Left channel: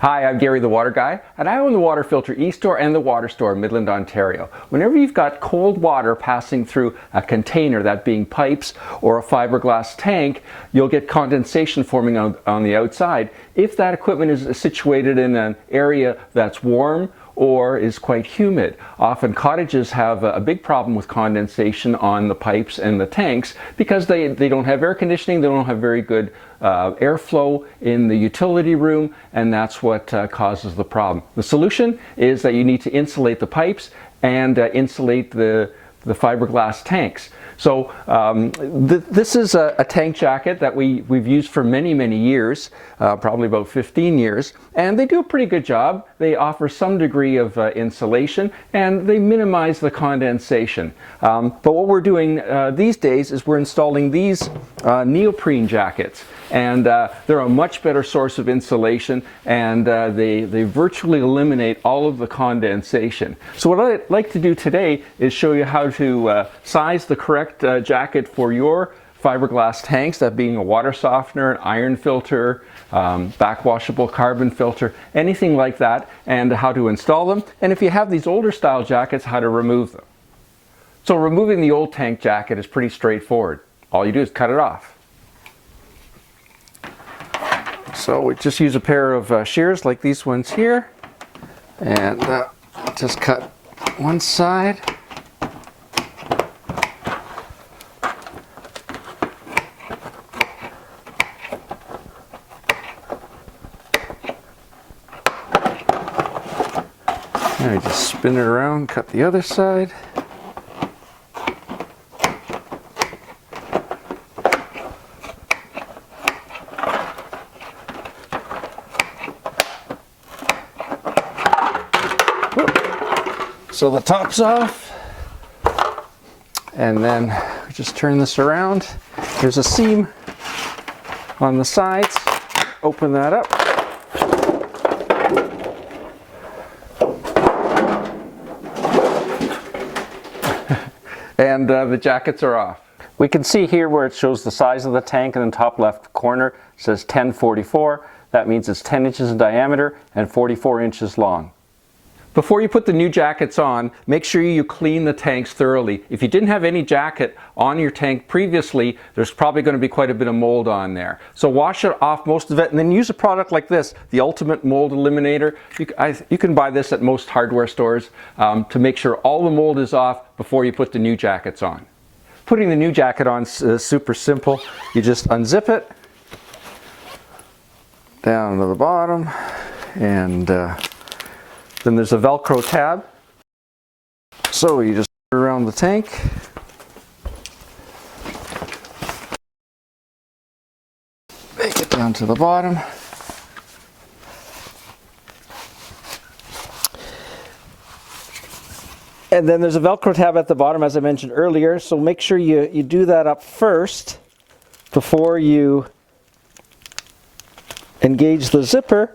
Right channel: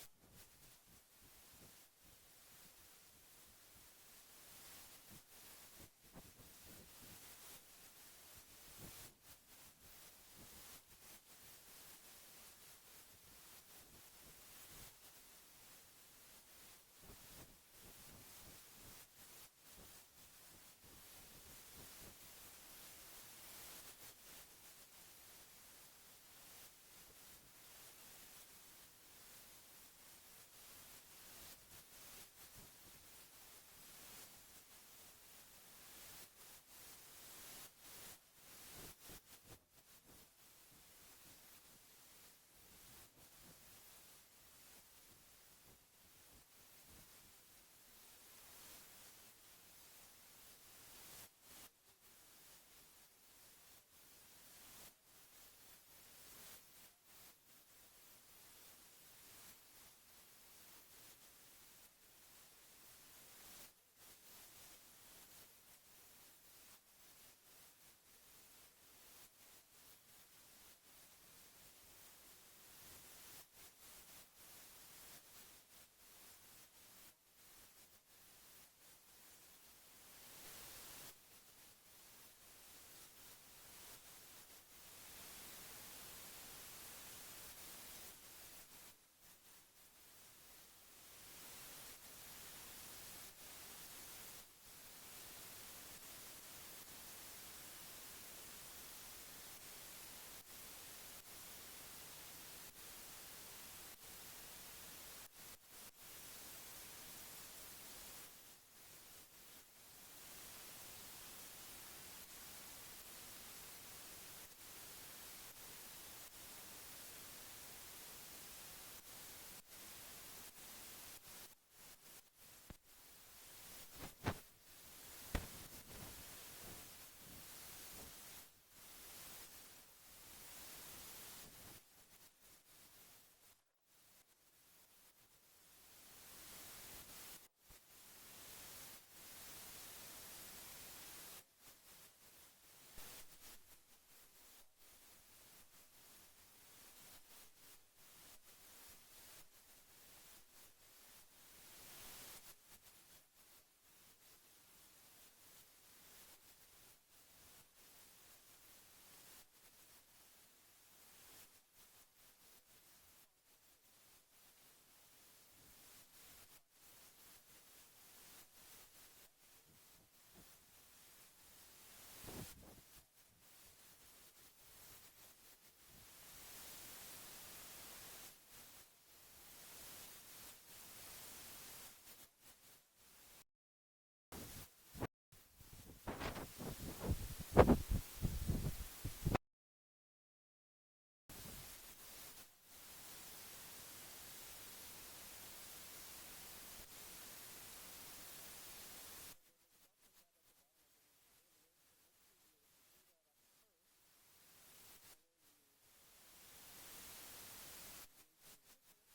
Hi, I'm Gary the Water Guy, and I own the water filter eStore and the water store in Midland, Ontario. Whenever you've got cold water passing through a container, that being pipes or a fiberglass tank, you'll get condensation forming on the outside if that equipment is situated in an area that's warm or is quite humid. Often cottages have a big problem with condensation on the pipes and the tanks because they don't have air conditioning, they don't have very good airflow in the utility room, and that's what causes the problem. The solution is that you need to insulate the pipes and insulate the fiberglass tanks. So this is a tank jacket that we've used for many years, probably about 15 years, and they do a pretty good job. They offer some degree of insulation and they minimize the condensation. But what we're doing these days is we're installing these neoprene jackets, and they're a much better source of insulation, and they virtually eliminate all of the condensation. So what I'd like to do today is show you how to size the correct jacket for your fiberglass tanks, that being a water softener, an iron filter, backwashable carbon filter, anything like that, and how to install them. And if you have these older style jackets, how to remove them. So removing the old tank jacket is pretty straightforward. All you do is cut it off. So we just use a pair of shears like these ones here, and just cut one side. And I just spin it around, cut the other side. So the top's off, and then we just turn this around. There's a seam on the sides. Open that up. And the jackets are off. We can see here where it shows the size of the tank in the top left corner. It says 1044. That means it's 10 inches in diameter and 44 inches long. Before you put the new jackets on, make sure you clean the tanks thoroughly. If you didn't have any jacket on your tank previously, there's probably going to be quite a bit of mold on there. So wash it off, most of it, and then use a product like this, the Ultimate Mold Eliminator. You can buy this at most hardware stores to make sure all the mold is off before you put the new jackets on. Putting the new jacket on is super simple. You just unzip it down to the bottom, and then there's a Velcro tab. So you just put it around the tank. Make it down to the bottom. And then there's a Velcro tab at the bottom, as I mentioned earlier. So make sure you do that up first before you engage the zipper.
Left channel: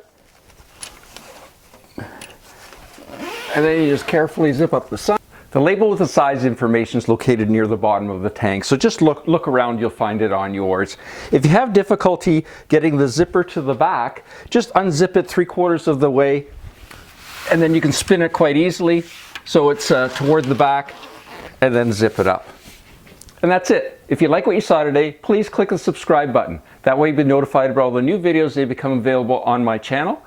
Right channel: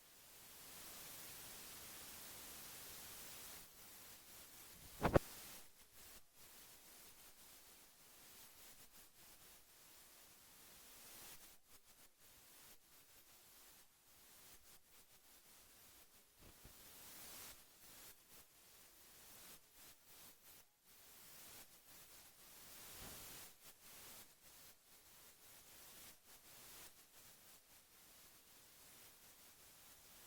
And then you just carefully zip up the side. The label with the size information is located near the bottom of the tank, so just look around, you'll find it on yours. If you have difficulty getting the zipper to the back, just unzip it 3/4 of the way, and then you can spin it quite easily so it's toward the back, and then zip it up. And that's it. If you like what you saw today, please click the subscribe button. That way you'll be notified about all the new videos as they become available on my channel.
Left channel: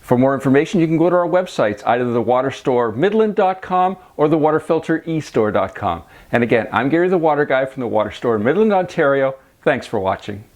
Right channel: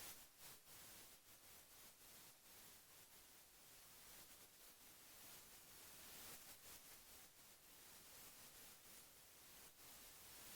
For more information, you can go to our websites, either thewaterstoremidland.com or thewaterfilterestore.com. And again, I'm Gary the Water Guy from the Water Store in Midland, Ontario. Thanks for watching.